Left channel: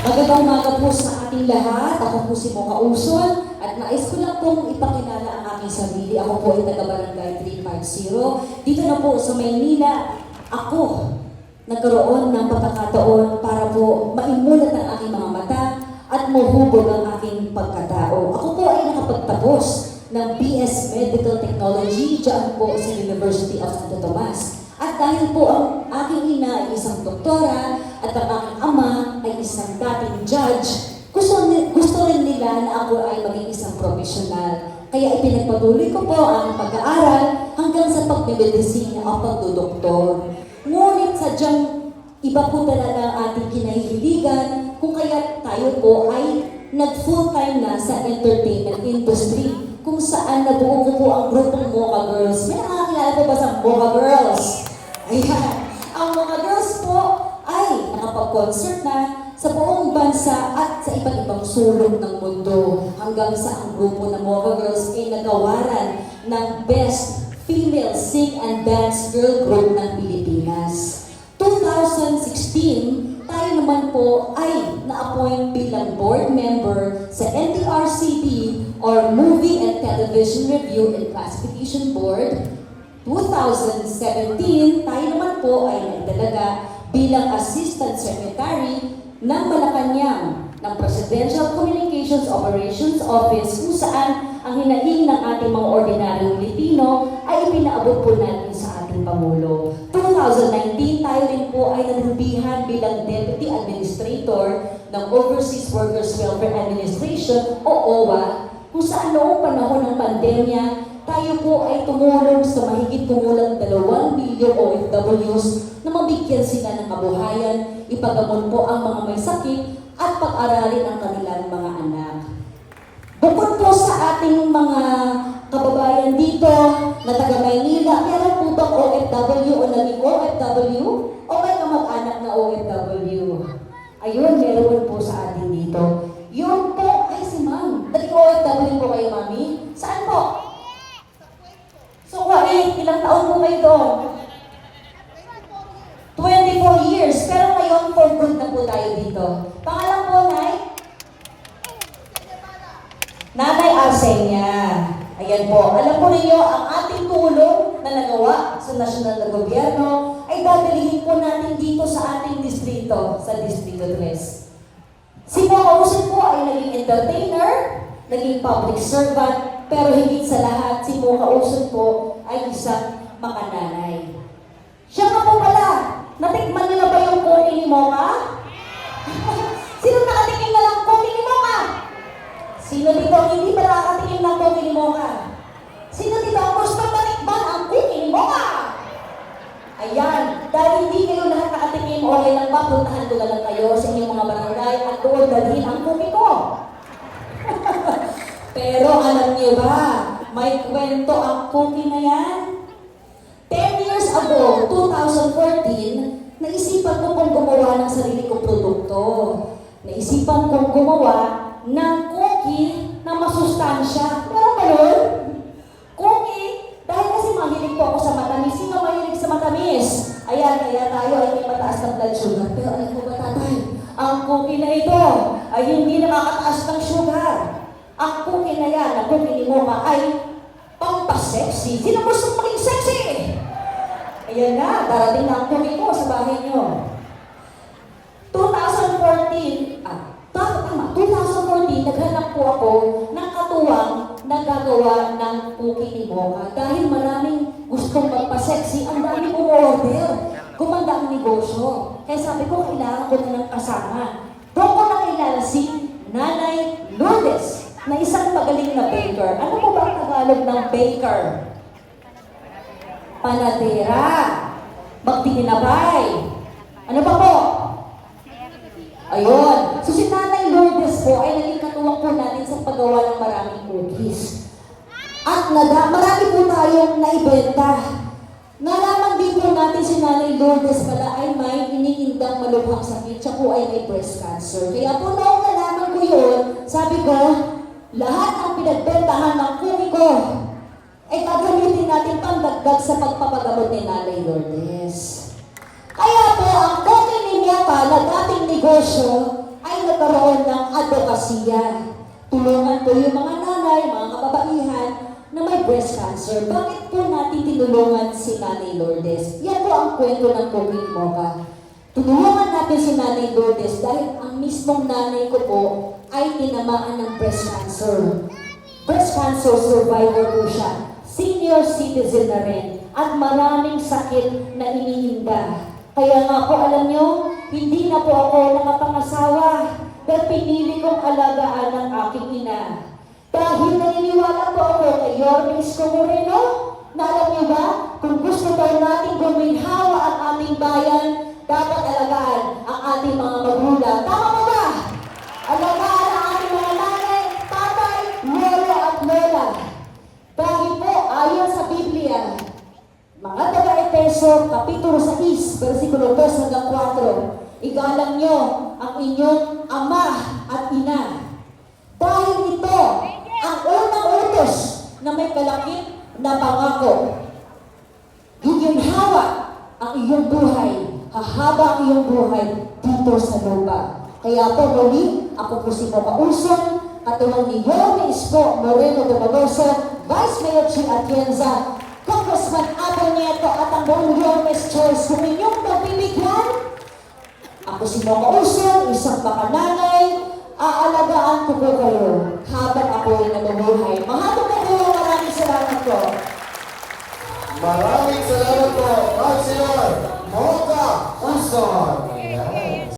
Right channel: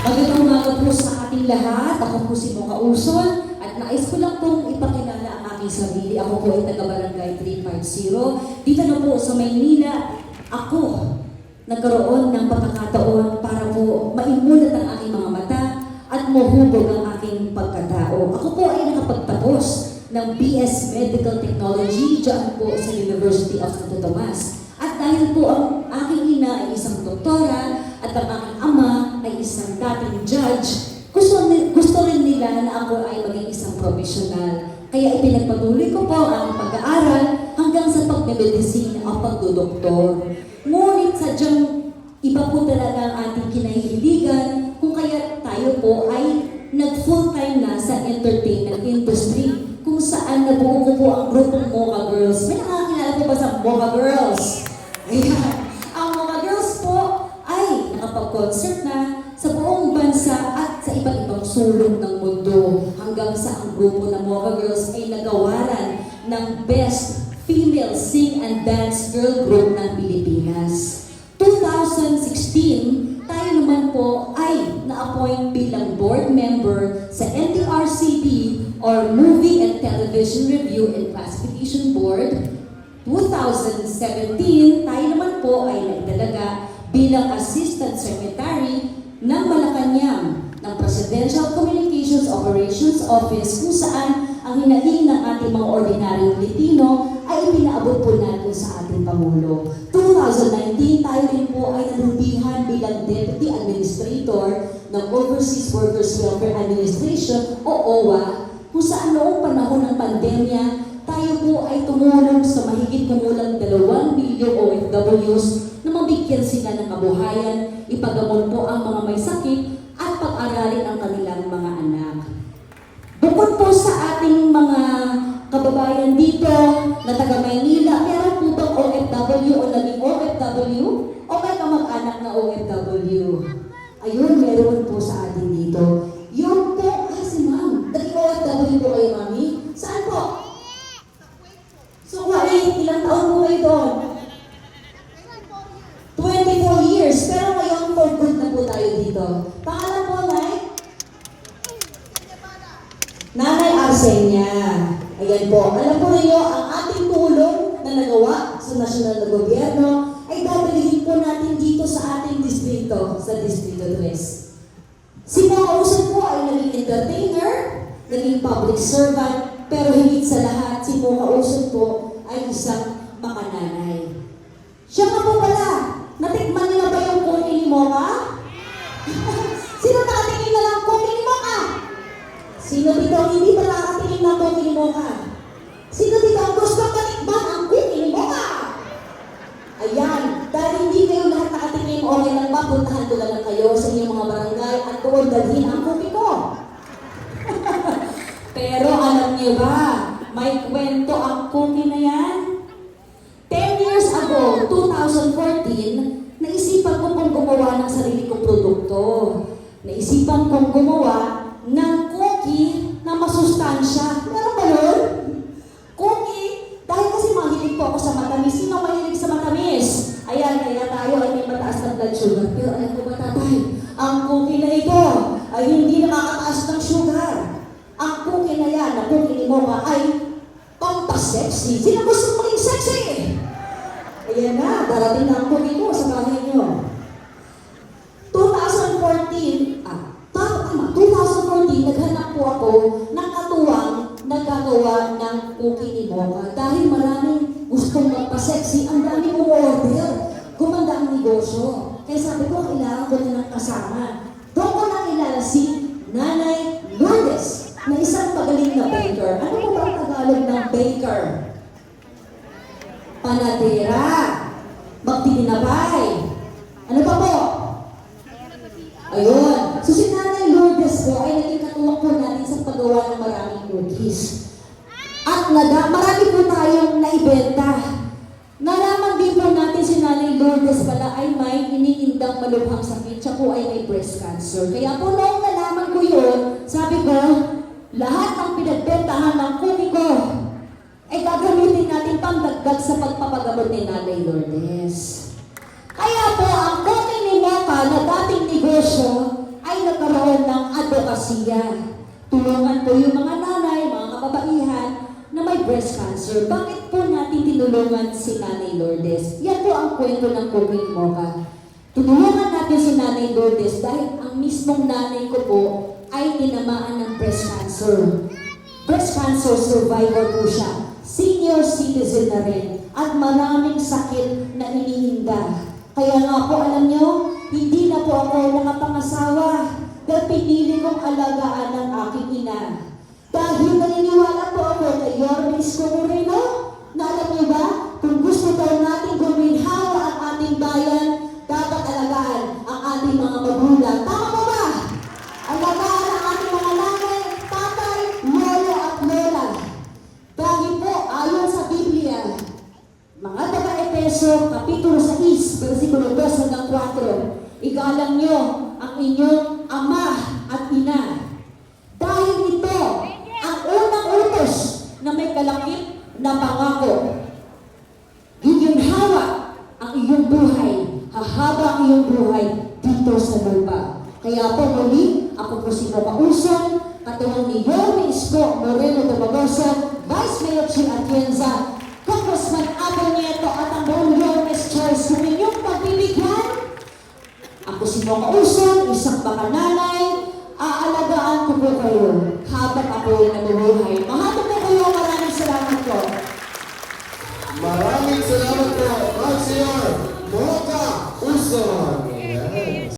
Magandang umaga po sa ating lahat. Ako po si Mocha Uson at nais ko lang pong ipakilala ang aking sarili. Ako po ay taga-Barangay 350. Dito na po sa Maynila, ako nagkaroon ng pagkakataon para po maimulat ang aking mga mata at mahubog ang aking pagkatao. Ako po ay nakapagtapos ng BS Medical Technology dyan po sa University of Santo Tomas. At dahil po ang aking ina ay isang doktora at ang aking ama ay isang dating judge, gusto rin nila na ako ay maging isang profesional. Kaya ipinagpatuloy ko po ang pag-aaral hanggang sa pagmemedisina o pagdodoktor. Ngunit sadyang iba po talaga ang ating kinahihiligan kung kaya tayo po ay nag-full-time na sa entertainment industry kung saan nabuo ko po ang grupong Mocha Girls. May nakakilala po ba sa Mocha Girls? Ayan. Ang Mocha Girls po ay nakapag-concert na sa buong bansa at sa iba't ibang sulok ng mundo hanggang sa ang grupo ng Mocha Girls ay nagawaran ng Best Female Sing and Dance Girl Group ng Pilipinas. 2016, tayo naman po ay na-appoint bilang board member sa MTRCB or Movie and Television Review and Classification Board. 2017, tayo naman po ay naitalaga bilang Assistant Secretary ng Malacanang ng Presidential Communications Operations Office kung saan ang hinaing ng ating mga ordinaryong Pilipino ay ipinaabot po natin sa ating Pangulo. 2019, tayo rin po ay nanubihan bilang Deputy Administrator ng Overseas Workers Welfare Administration o OWA kung saan noong panahon ng pandemya, tayo po ay tumulong sa mahigit kumulang 2 milyong OFWs na mabigyan sila ng kabuhayan, ipagamot po ang mga may sakit at pag-aralin ang kanilang mga anak. Bukod po sa ating mga kababayan dito na taga Maynila, meron po bang OFW o naging OFW o may kamag-anak na OFW? Ayun, meron po sa atin dito. Yun po, ay si ma'am. Naging OFW po kayo, mami? Saan po? So, ilang taon po kayo doon? 24 years. Pero ngayon, for good na po tayo dito. Pangalan po, Nay? Nanay Arsenia. Ayan po. Alam po ninyo, ang ating tulong na nagawa sa nasyonal na gobyerno ay dadalhin po natin dito sa ating distrito, sa Distrito 3. Si Mocha Uson po ay naging entertainer, naging public servant, pero higit sa lahat, si Mocha Uson po ay isang makananay. Siya nga po pala, natikman niyo na ba yung koki ni Mocha? Sino nakatikim na lang koki ni Mocha? Sino dito ang hindi pa nakatikim ng koki ni Mocha? Sino dito ang gusto matikman ang koki ni Mocha? Ayan, dahil hindi kayo lahat nakatikim, okay lang ba, puntahan ko lang kayo sa inyong mga barangay at doon dalhin ang koki ko. Pero alam niyo ba, may kwento ang cookie na yan. 10 years ago, 2014, naisipan ko pong gumawa ng sarili kong produkto. Naisipan kong gumawa ng cookie na masustansya. Meron ba yun? Cookie, dahil kasi mahilig po ako sa matamis. Sino mahilig sa matamis? Ayan, kaya tayo ay may mataas na blood sugar. Pero alam ko ba, tatay, ang cookie na ito ay hindi nakakataas ng sugar. Ang cookie na yan, ang cookie ni Mocha ay pampasexy. Sino gusto maging sexy? Ayan na, darating na ang cookie ko sa bahay nyo. 2014, 2014, naghanap po ako ng katuwang na gagawa ng cookie ni Mocha. Dahil maraming gustong magpa-sexy, ang dami kong order. Gumanda ang negosyo. Kaya sabi ko, kailangan ko na ng kasama. Doon ko nakilala si Nanay Lourdes, na isang magaling na baker. Ano po ba ang Tagalog ng baker? Panadera. Magtinapay. Ano pa po? Ayun. So si Nanay Lourdes po ay naging katuwang po natin sa paggawa ng maraming cookies. At marami po tayong naibenta. Nalaman din po natin si Nanay Lourdes pala ay may iniindang malubhang sakit. Siya po ay may breast cancer. Kaya po noong nalaman ko yun, sabi ko, lahat ng pinagbentahan ng cookie ko ay gagamitin natin pangdagdag sa pagpapagamot ni Nanay Lourdes. Kaya po ang cookie ni Mocha na dating negosyo ay pagbabasiya. Tulungan po yung mga nanay, mga kababaihan na may breast cancer. Bakit po natin tinulungan si Nanay Lourdes? Yan po ang kwento ng Cooking Mocha. Tulungan natin si Nanay Lourdes dahil ang mismong nanay ko po ay tinamaan ng breast cancer. Breast cancer survivor po siya. Senior citizen na rin. At maraming sakit na iniinda. Kaya nga po alam nyo, hindi na po ako nakapangasawa dahil pinili kong alagaan ng aking ina. Dahil naniniwala po ako kay Yorme Isko Moreno, na alam niyo ba, kung gusto po natin guminhawa ang ating bayan, dapat alagaan ang ating mga magulang. Tama ba ba? Alagaan ang ating mga nanay, tatay, lolo at lola. Dahil po, ayon sa Biblia, mga taga-Efeso, Kapitulo 6, versikulo 2 hanggang 4, igalang nyo ang inyong ama at ina. Dahil ito ang unang utos na may kalakip na pangako. Giginhawa ang iyong buhay, hahaba ang iyong buhay dito sa lupa. Kaya po muli, ako po si Mocha Ulson, katuwang ni Yorme Isko Moreno de Bagoso, Vice Mayor Chi Atienza, Congressman Abel Nieto at ang buong Yormes Church. Kung inyong pagbibigyan, ako si Mocha Ulson, isang makananay, aalagaan ko po kayo.